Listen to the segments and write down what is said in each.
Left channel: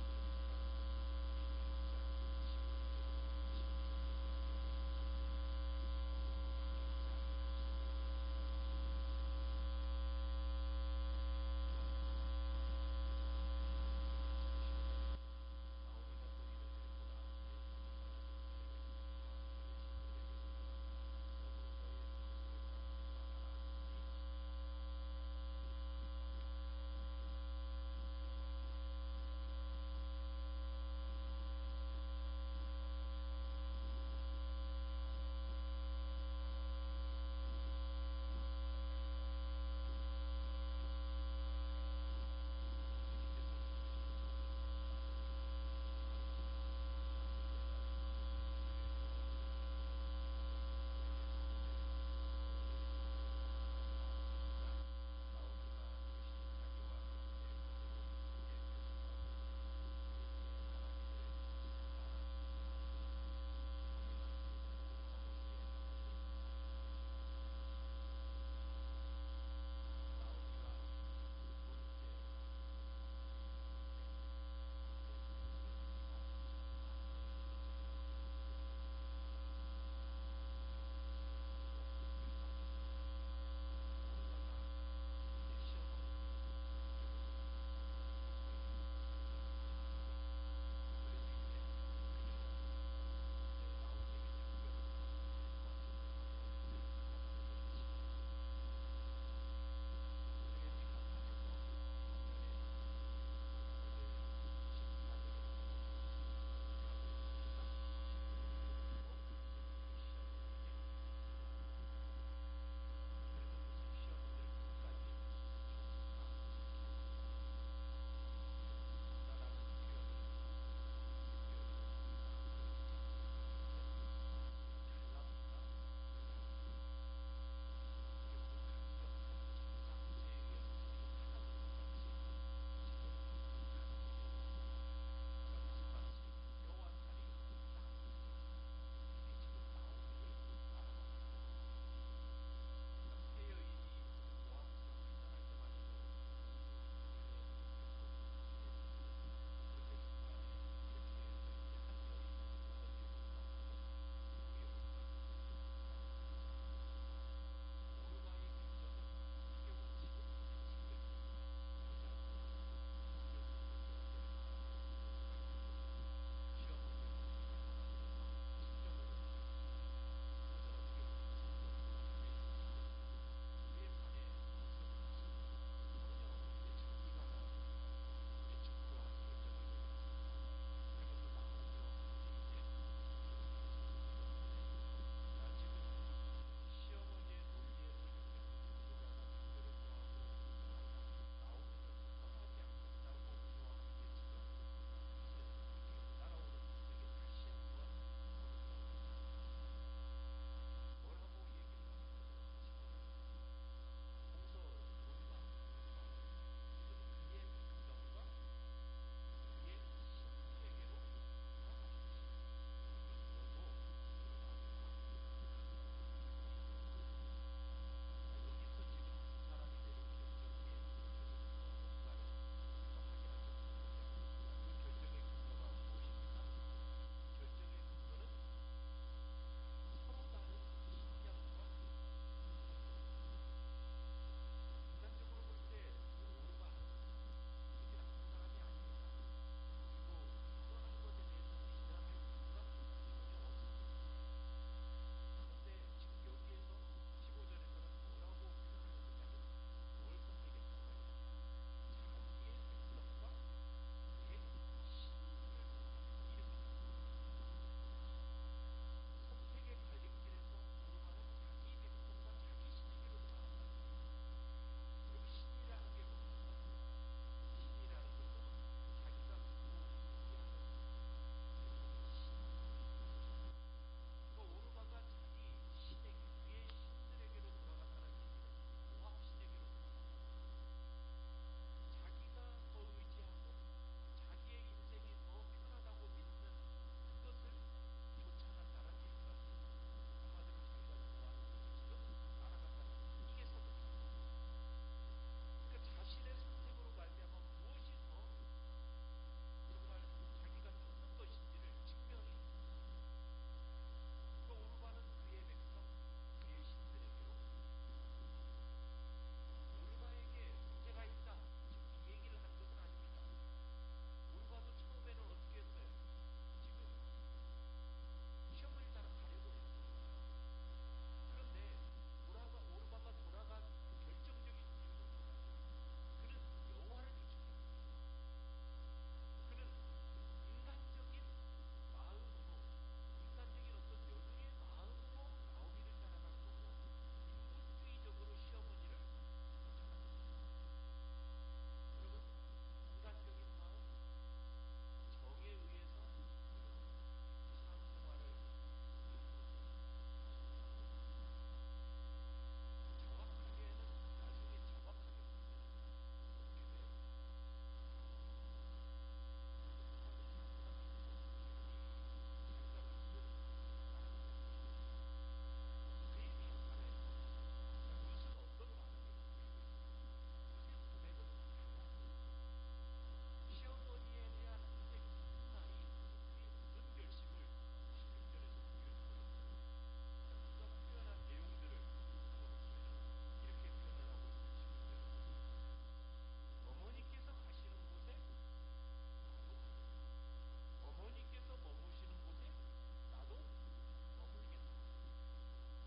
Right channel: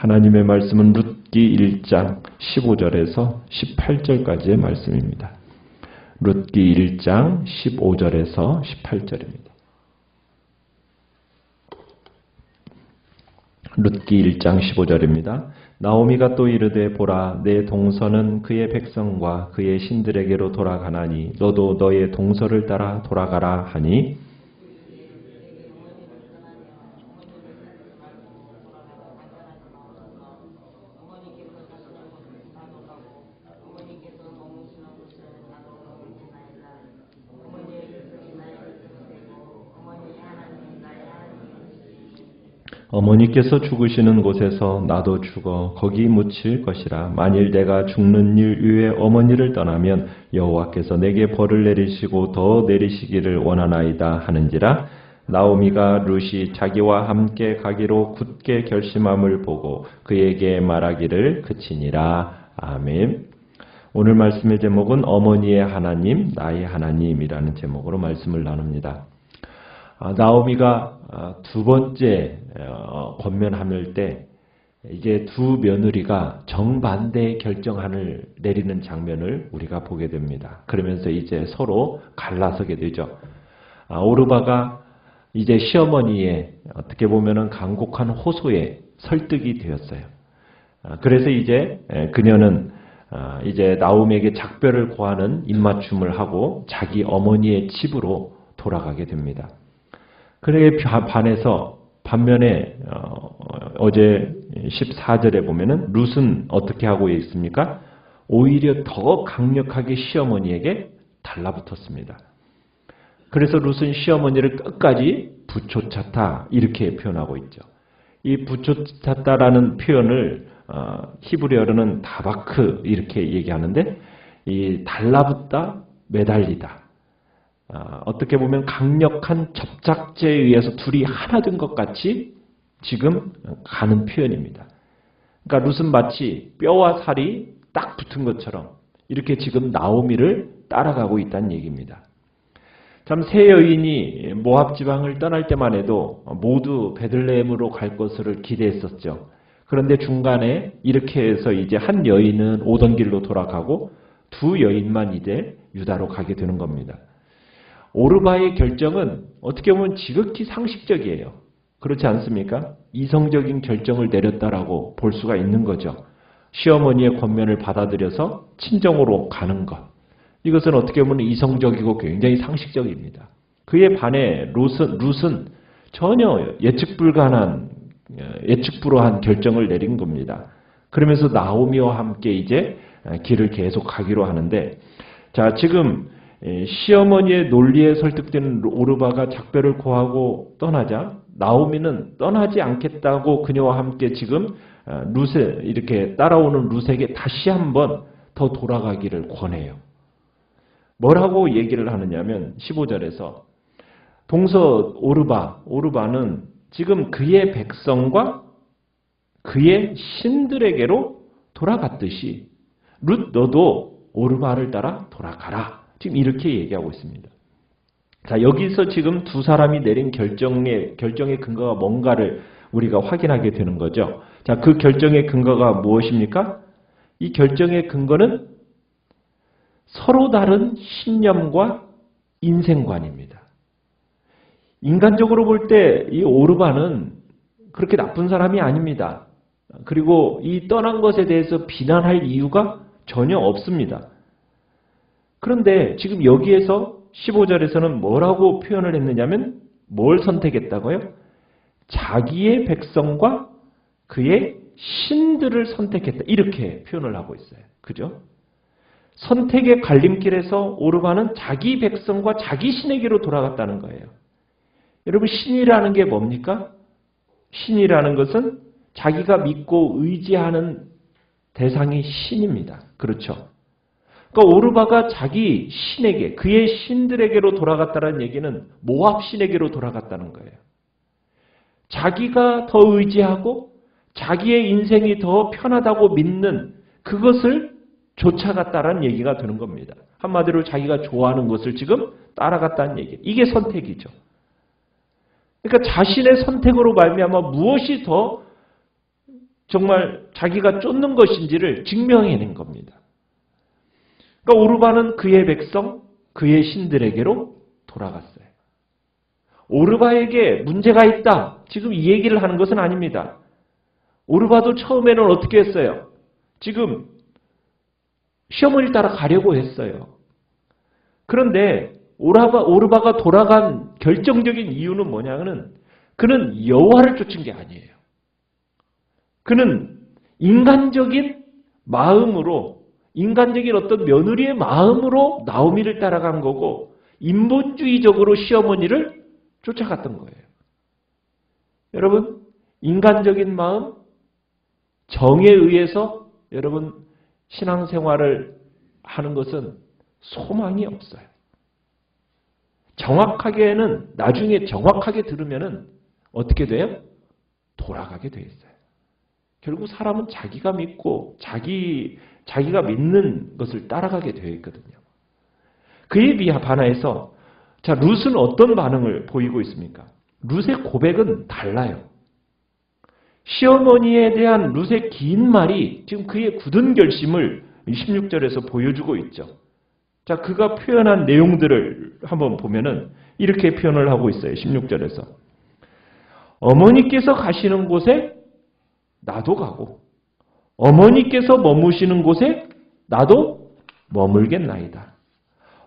하나님의 말씀은 룻기 1장 15절에서 18절까지의 말씀입니다. 룻기 1장 15절에서 18절입니다. 룻기 1장 15절입니다. 나오미가 또 이르되 보라 내 동서는 그의 백성과 그의 신들에게로 돌아가나니 너도 너의 동서를 따라 돌아가라 하니 어머니께서 죽으시는 곳에서 나도 죽어 거기 묻힐 것이라. 만일 내가 죽는 일 위에 어머니를 떠나면 여호와께서 내게 벌을 내리시고 더 내리시기를 원하나이다 하는지라. 나오미가 룻이 자기와 함께 가기로 굳게 결심함을 보고 그에게 말하기를 그치니라. 아멘. 오늘 말씀의 제목은 어머니의 하나님, 나의 하나님이라는 제목으로 말씀을 나눕니다. 나오미가 두 번째 권면함일 때 이제 두 며느리가 정반대의 결정안을 내리는 장면을 우리가 보게 됩니다. 그러면서 이제 서로 갈라서게 되죠. 오르바가 이제 시어머니의 어떻게 보면은 간곡한 호소에 설득이 되었어요. 그래서 이제 그녀는 이제 나오미에게 작별을 고하는 입맞춤을 하고 자기 어머니의 집으로 돌아가게 됩니다. 그에 반해서 반면에 어제 14절에 보면은 룻은 어떻게 하고 있습니까? 오히려 더 강력하게 시어머니에게 달라붙었습니다. 그래서 룻은 시어머니를 끝까지 부초찼다 이렇게 표현하고 있죠. 이 부초찼다라는 표현을 히브리어로는 다바크 이렇게 얘기하는데 이 달라붙다, 매달리다. 어떻게 보면 강력한 접착제에 의해서 둘이 하나 된 것 같이 지금 가는 표현입니다. 그러니까 룻은 마치 뼈와 살이 딱 붙은 것처럼 이렇게 지금 나오미를 따라가고 있다는 얘기입니다. 참 세 여인이 모압 지방을 떠날 때만 해도 모두 베들레헴으로 갈 것을 기대했었죠. 그런데 중간에 이렇게 해서 이제 한 여인은 오던 길로 돌아가고 두 여인만 이제 유다로 가게 되는 겁니다. 오르바의 결정은 어떻게 보면 지극히 상식적이에요. 그렇지 않습니까? 이성적인 결정을 내렸다라고 볼 수가 있는 거죠. 시어머니의 권면을 받아들여서 친정으로 가는 것. 이것은 어떻게 보면 이성적이고 굉장히 상식적입니다. 그에 반해 룻은 전혀 예측 불허한 결정을 내린 겁니다. 그러면서 나오미와 함께 이제 길을 계속 가기로 하는데, 자, 지금 시어머니의 논리에 설득되는 오르바가 작별을 고하고 떠나자 나오미는 떠나지 않겠다고 그녀와 함께 지금 룻에 이렇게 따라오는 룻에게 다시 한번 더 돌아가기를 권해요. 뭐라고 얘기를 하느냐면 15절에서 동서 오르바는 지금 그의 백성과 그의 신들에게로 돌아갔듯이 룻 너도 오르바를 따라 돌아가라. 지금 이렇게 얘기하고 있습니다. 자, 여기서 지금 두 사람이 내린 결정의 근거가 뭔가를 우리가 확인하게 되는 거죠. 자, 그 결정의 근거가 무엇입니까? 이 결정의 근거는 서로 다른 신념과 인생관입니다. 인간적으로 볼 때 이 오르바는 그렇게 나쁜 사람이 아닙니다. 그리고 이 떠난 것에 대해서 비난할 이유가 전혀 없습니다. 그런데 지금 여기에서 15절에서는 뭐라고 표현을 했느냐면 뭘 선택했다고요? 자기의 백성과 그의 신들을 선택했다. 이렇게 표현을 하고 있어요. 그죠? 선택의 갈림길에서 오르바는 자기 백성과 자기 신에게로 돌아갔다는 거예요. 여러분, 신이라는 게 뭡니까? 신이라는 것은 자기가 믿고 의지하는 대상이 신입니다. 그렇죠? 그러니까 오르바가 자기 신에게, 그의 신들에게로 돌아갔다는 얘기는 모압 신에게로 돌아갔다는 거예요. 자기가 더 의지하고 자기의 인생이 더 편하다고 믿는 그것을 쫓아갔다는 얘기가 되는 겁니다. 한마디로 자기가 좋아하는 것을 지금 따라갔다는 얘기. 이게 선택이죠. 그러니까 자신의 선택으로 말미암아 무엇이 더 정말 자기가 쫓는 것인지를 증명해낸 겁니다. 그러니까 오르바는 그의 백성, 그의 신들에게로 돌아갔어요. 오르바에게 문제가 있다. 지금 이 얘기를 하는 것은 아닙니다. 오르바도 처음에는 어떻게 했어요? 지금 시어머니를 따라 가려고 했어요. 그런데 오르바가 돌아간 결정적인 이유는 뭐냐면 그는 여호와를 쫓은 게 아니에요. 그는 인간적인 마음으로, 인간적인 어떤 며느리의 마음으로 나오미를 따라간 거고 인본주의적으로 시어머니를 쫓아갔던 거예요. 여러분, 인간적인 마음, 정에 의해서 여러분 신앙생활을 하는 것은 소망이 없어요. 정확하게는 나중에 정확하게 들으면은 어떻게 돼요? 돌아가게 돼 있어요. 결국 사람은 자기가 믿고 자기가 믿는 것을 따라가게 되어 있거든요. 그에 반해서 자, 룻은 어떤 반응을 보이고 있습니까? 룻의 고백은 달라요. 시어머니에 대한 룻의 긴 말이 지금 그의 굳은 결심을 16절에서 보여주고 있죠. 자, 그가 표현한 내용들을 한번 보면은 이렇게 표현을 하고 있어요. 16절에서. 어머니께서 가시는 곳에 나도 가고 어머니께서 머무시는 곳에 나도 머물겠나이다.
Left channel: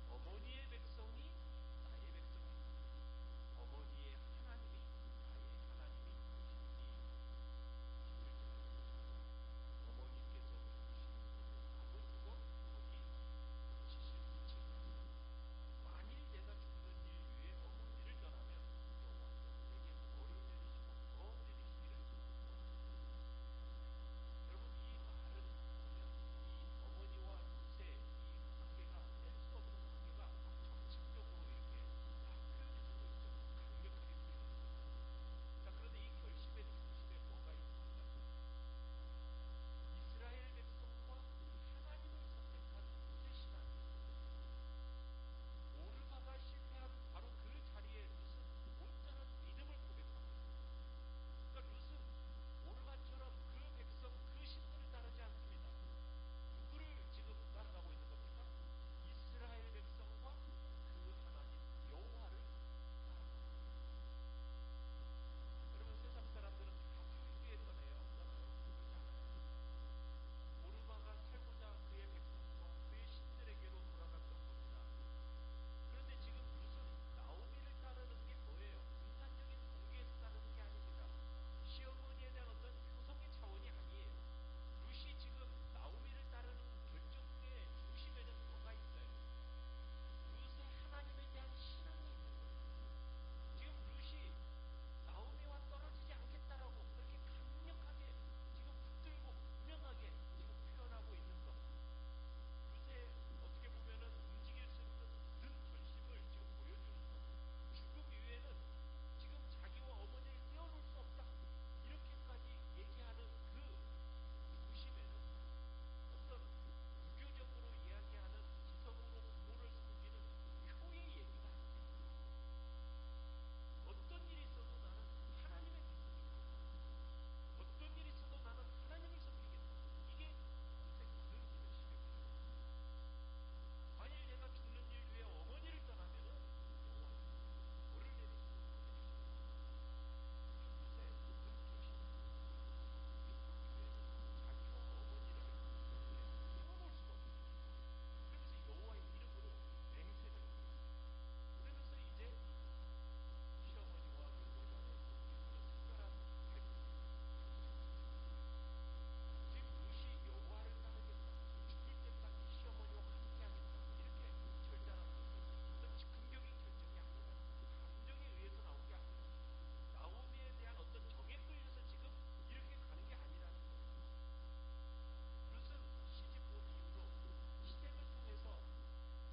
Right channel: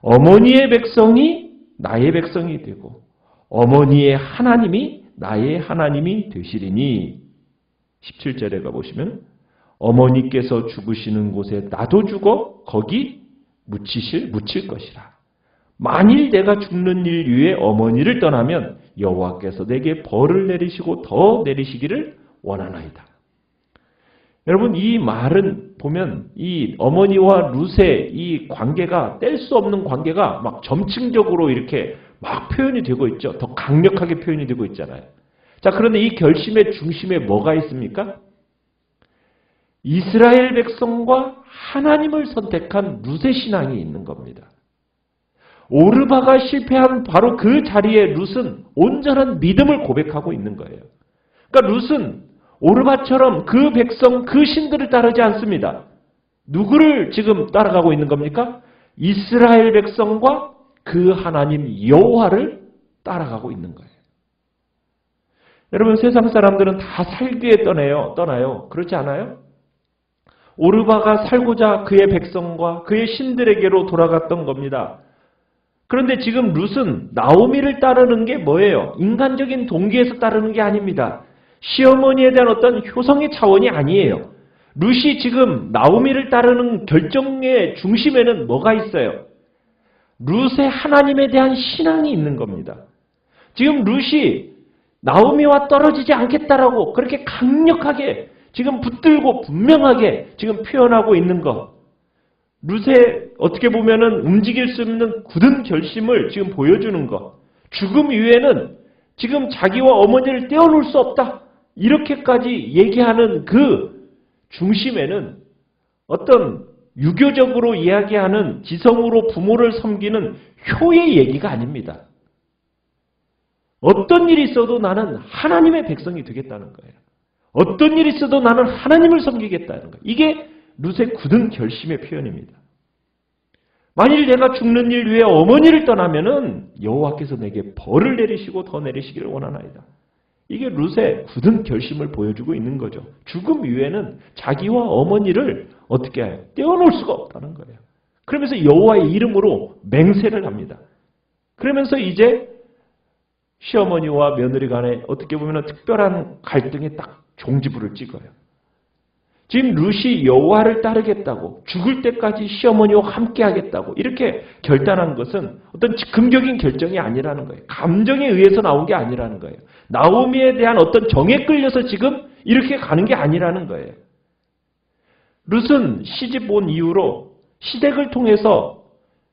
어머니의 백성이 나의 백성이 되고 어머니의 하나님이 나의 하나님이 되시리니 17절에 가보시면 어머니께서 죽으시는 곳에 나도 죽어 거기 묻힐 것이라. 만일 내가 죽는 일 위에 어머니를 떠나면 여호와께서 내게 벌을 내리시고 더 내리시기를 원하나이다. 여러분, 이 말은 보면 이 어머니와 룻의 이 관계가 뗄 수 없는 관계가 막 점층적으로 이렇게 막 표현이 되고 있죠. 더 강력하게 표현이 되고 있잖아요. 자, 그런데 이 결심의 중심에 뭐가 있습니까? 이스라엘 백성과 하나님을 선택한 룻의 신앙이 있는 겁니다. 오르바가 실패한 바로 그 자리에 룻은 온전한 믿음을 고백하고 있는 거예요. 그러니까 룻은 오르바처럼 그 백성, 그 신들을 따르지 않습니다. 누구를 지금 따라가고 있는 겁니까? 이스라엘 백성과 그 하나님 여호와를 따라가고 있는 거예요. 여러분, 세상 사람들은 다 살기에 떠나요. 그렇지 않아요? 오르바가 살고자 그의 백성과 그의 신들에게로 돌아갔던 겁니다. 그런데 지금 룻은 나오미를 따르는 게 뭐예요? 인간적인 동기에서 따르는 게 아닙니다. 시어머니에 대한 어떤 효성의 차원이 아니에요. 룻이 지금 나오미를 따르는 결정의 중심에는 뭐가 있어요? 룻의 하나님에 대한 신앙이 있는 겁니다. 지금 룻이 나오미와 떨어지지 않겠다라고 그렇게 강력하게 지금 붙들고 분명하게 지금 표현하고 있는 것. 룻의 어떻게 보면은 움직일 수 없는 굳은 결심을 지금 보여주는 것. 죽음 이후에는 지금 자기와 어머니를 떼어놓을 수 없다. 이렇게까지 얘기하는 그 중심에는 어떤 유교적으로 이야기하는 지성으로 부모를 섬기는 효의 얘기가 아닙니다. 어떤 일이 있어도 나는 하나님의 백성이 되겠다는 거예요. 어떤 일이 있어도 나는 하나님을 섬기겠다는 거예요. 이게 룻의 굳은 결심의 표현입니다. 만일 내가 죽는 일 위에 어머니를 떠나면은 여호와께서 내게 벌을 내리시고 더 내리시기를 원하나이다. 이게 룻의 굳은 결심을 보여주고 있는 거죠. 죽음 이후에는 자기와 어머니를 어떻게 해요? 떼어놓을 수가 없다는 거예요. 그러면서 여호와의 이름으로 맹세를 합니다. 그러면서 이제 시어머니와 며느리 간에 어떻게 보면 특별한 갈등에 딱 종지부를 찍어요. 지금 룻이 여호와를 따르겠다고 죽을 때까지 시어머니와 함께 하겠다고 이렇게 결단한 것은 어떤 즉흥적인 결정이 아니라는 거예요. 감정에 의해서 나온 게 아니라는 거예요. 나오미에 대한 어떤 정에 끌려서 지금 이렇게 가는 게 아니라는 거예요. 룻은 시집 온 이후로 시댁을 통해서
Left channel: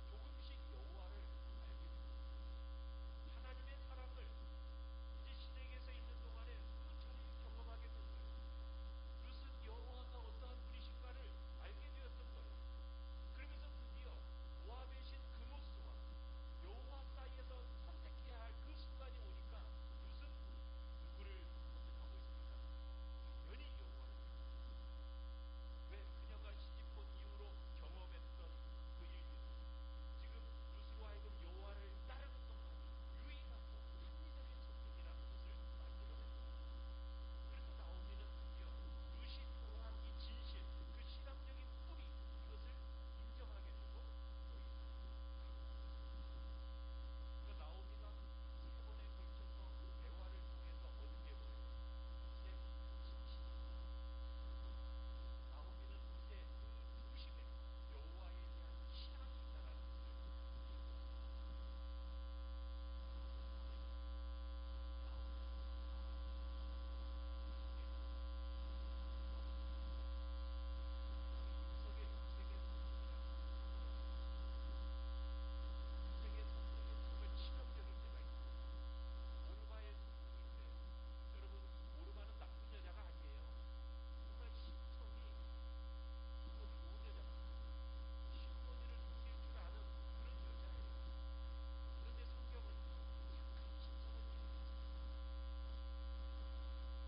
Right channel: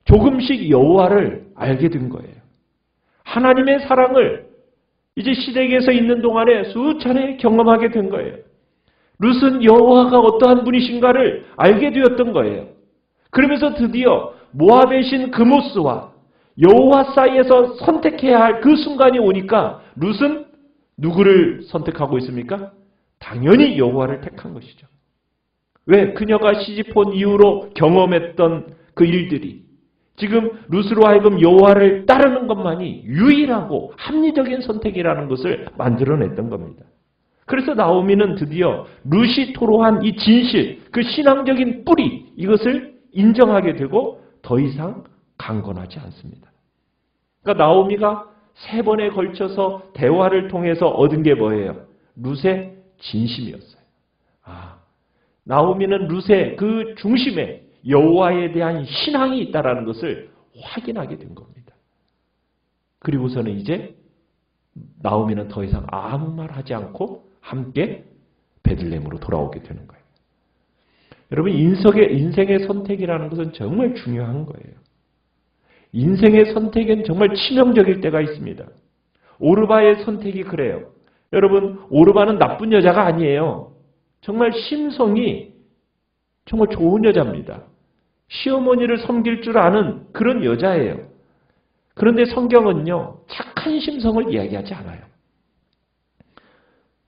조금씩 여호와를 알게 된 거예요. 하나님의 사랑을 이제 시댁에서 있는 동안에 수차례 경험하게 된 거예요. 룻은 여호와가 어떠한 분이신가를 알게 되었던 거예요. 그러면서 드디어 모압의 신 그모스와 여호와 사이에서 선택해야 할 그 순간이 오니까 룻은 누구를 선택하고 있습니까? 당연히 여호와를 택한 것이죠. 왜? 그녀가 시집온 이후로 경험했던 그 일들이 지금 룻으로 하여금 여호와를 따르는 것만이 유일하고 합리적인 선택이라는 것을 만들어냈던 겁니다. 그래서 나오미는 드디어 룻이 토로한 이 진실, 그 신앙적인 뿌리, 이것을 인정하게 되고 더 이상 강권하지 않습니다. 그러니까 나오미가 3번에 걸쳐서 대화를 통해서 얻은 게 뭐예요? 룻의 진심이었어요. 나오미는 룻의 그 중심에 여호와에 대한 신앙이 있다는 것을 확인하게 된 겁니다. 그리고서는 이제 나오미는 더 이상 아무 말 하지 않고 함께 베들레헴으로 돌아오게 되는 거예요. 여러분, 인생의 선택이라는 것은 정말 중요한 거예요. 인생의 선택은 정말 치명적일 때가 있습니다. 오르바의 선택이 그래요. 여러분, 오르바는 나쁜 여자가 아니에요. 정말 심성이 정말 좋은 여자입니다. 시어머니를 섬길 줄 아는 그런 여자예요. 그런데 성경은요, 착한 심성을 이야기하지 않아요.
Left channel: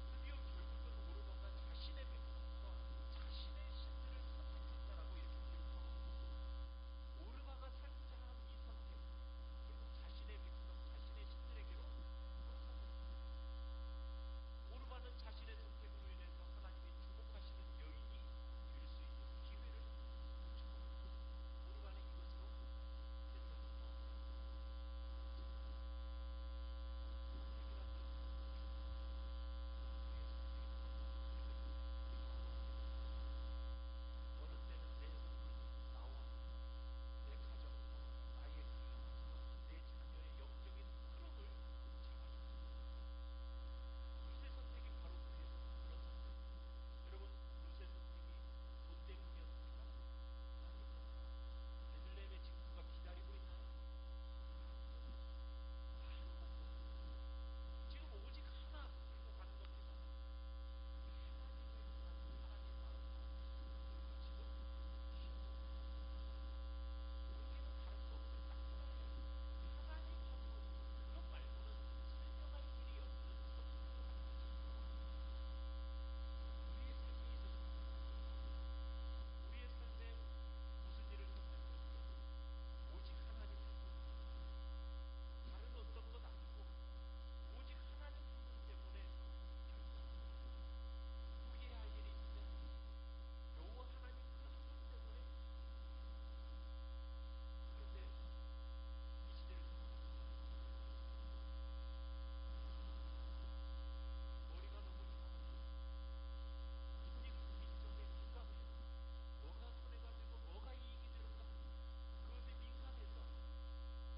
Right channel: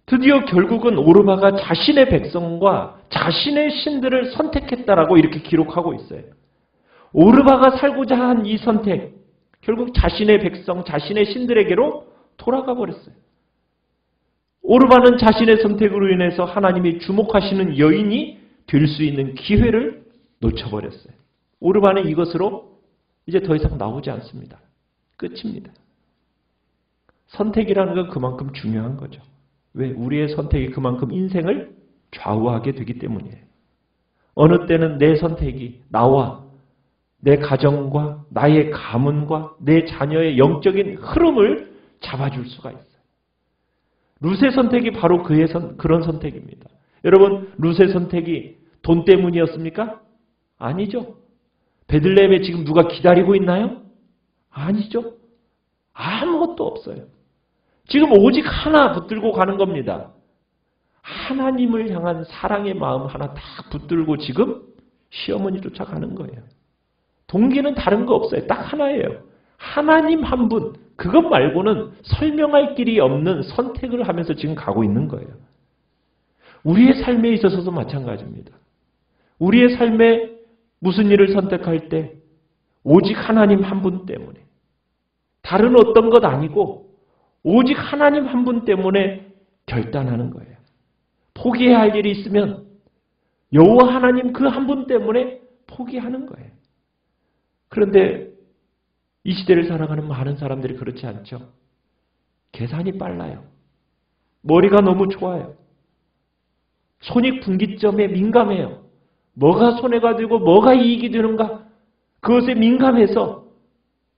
드디어 결국은 오르바가 자신의 백성과 자신의 신들을 선택했다라고 이렇게 기록하고 있어요. 오르바가 살고자 한 이 선택, 결국 자신의 백성, 자신의 신들에게로 돌아가 버렸어요. 오르바는 자신의 선택으로 인해서 하나님이 주목하시는 여인이 될 수 있는 기회를 놓쳐버렸어요. 오르바는 이것으로 이제 더 이상 나오지 않습니다. 끝입니다. 선택이라는 건 그만큼 중요한 거죠. 왜? 우리의 선택이 그만큼 인생을 좌우하게 되기 때문이에요. 어느 때는 내 선택이 나와 내 가정과 나의 가문과 내 자녀의 영적인 흐름을 잡아줄 수가 있어요. 룻의 선택이 바로 그런 선택입니다. 여러분, 룻의 선택이 돈 때문이었습니까? 아니죠. 베들레헴에 지금 누가 기다리고 있나요? 아니죠. 아무것도 없어요. 지금 오직 하나 붙들고 가는 겁니다. 하나님을 향한 사랑의 마음 하나 다 붙들고 지금 시어머니 쫓아가는 거예요. 동기는 다른 거 없어요. 딱 하나예요. 하나님 한 분, 그것 말고는 설명할 길이 없는 선택을 하면서 지금 가고 있는 거예요. 우리의 삶에 있어서도 마찬가지입니다. 우리의 삶에 무슨 일을 선택할 때 오직 하나님 한 분 때문에, 다른 어떤 것 아니고 오직 하나님 한 분 때문에 결단하는 거예요. 포기해야 할 일이 있으면 여호와 하나님 그 한 분 때문에 포기하는 거예요. 그런데 이 시대를 살아가는 많은 사람들이 그렇지 않죠. 계산이 빨라요. 머리가 너무 좋아요. 손익분기점에 민감해요. 뭐가 손해가 되고 뭐가 이익이 되는가, 그것에 민감해서,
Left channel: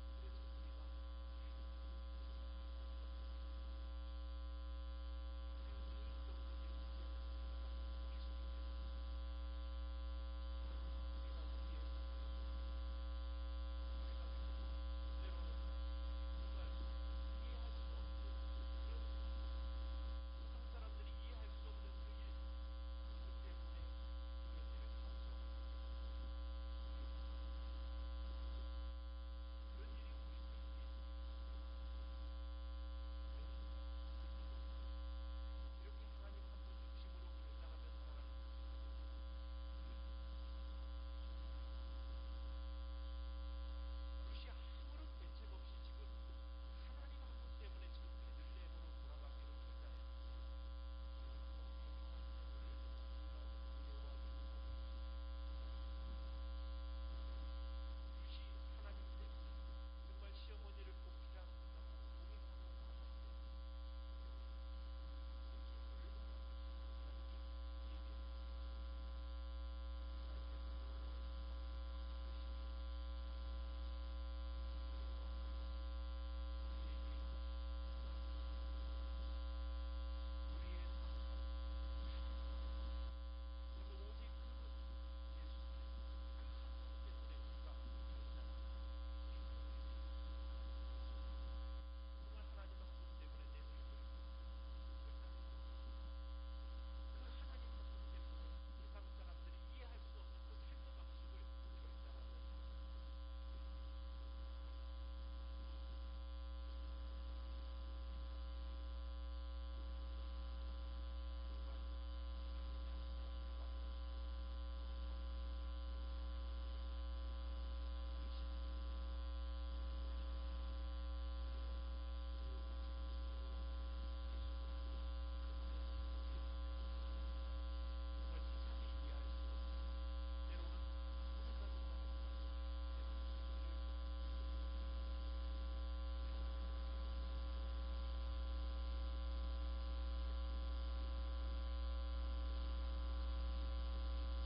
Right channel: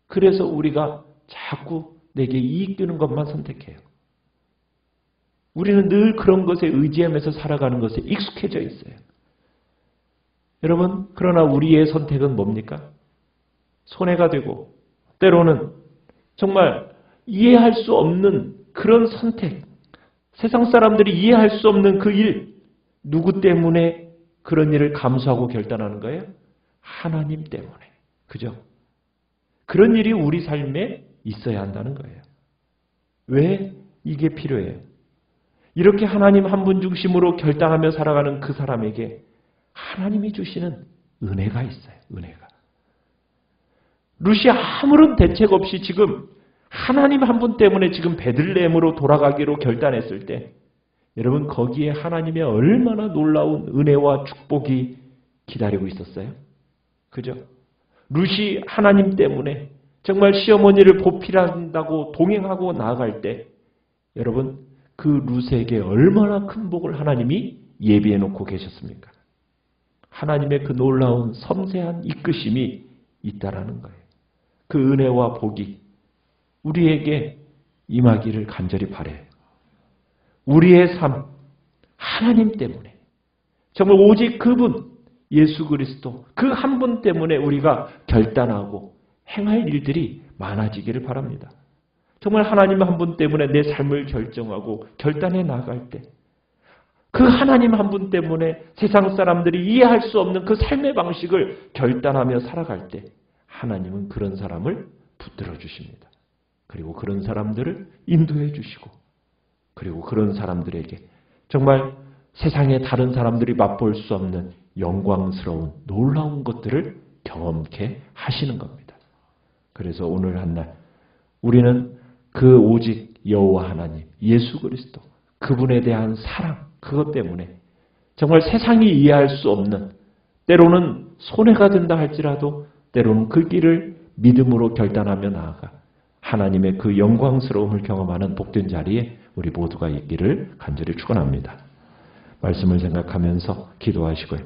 그래서 우리가 자꾸 내게 이익 되는 것만 선택해요. 우리는 늘 그런 것에 의지하면서 살아가는 것에 익숙해져 있어요. 여러분, 그러나 우리의 선택은 뭡니까? 손해가 되고 때로는 정말 이해할 수 없는 그런 선택, 세상 사람들이 이해할 수 없는 그 일, 누구 때문에 그런 일을 감수하고 결단하는 거예요? 하나님 때문에. 그죠? 그런 일이 우리 삶에 있어야 한다는 거예요. 왜 이게 필요해요? 이렇게 하나님 한 분 중심으로 결단하며 살아가는 그 사람에게 하나님이 주시는 은혜가 있어요. 은혜가. 룻이 아무런 대책 없이 지금 하나님 한 분 때문에 지금 베들레헴으로 돌아가기로 결단했을 때, 여러분, 거기에 하나님의 얼마나 놀라운 은혜와 축복이 기다리고 있었어요? 그죠? 룻이 하나님 때문에 정말 시어머니를 보필한다고 동행하고 나아갈 때, 여러분, 그 룻에게 얼마나 큰 복을 하나님이 예비해 놓고 계셨습니까? 하나님의 그 놀라운 섬세한 이끄심이 있다라는 거예요. 그 은혜와 복이 우리에게 임하기를 간절히 바라요. 우리의 삶, 하나님 때문에, 정말 오직 그분, 예수 그리스도, 그 한 분 때문에 우리가 결단하고 행할 일들이 많아지기를 바랍니다. 정말 하나님 한 분 때문에 내 삶을 결정하고 결단해 나갈 때, 그 하나님 한 분 때문에 세상 사람들이 이해할 수 없는 그 삶의 방식을 결단하며 살아갈 때, 하나님은 그런 사람을 붙들어 주십니다. 그리고 그런 사람들을 인도해 주시고, 그리고 그런 사람들에게 정말 세상의 다른 사람들이 맛볼 수 없는 영광스러운 놀라운 것들을 경험케 하시는 겁니다. 그래서 오늘 한날 우리는 그 오직 여호와 하나님, 예수 그리스도, 그분에 대한 사랑, 그것 때문에 정말 세상이 이해할 수 없는, 때로는 손해가 된다 할지라도 때로는 그 길을 믿음으로 결단하며 나아가 하나님의 그 영광스러움을 경험하는 복된 자리에 우리 모두가 있기를 간절히 축원합니다. 말씀을 생각하면서 기도하시고요.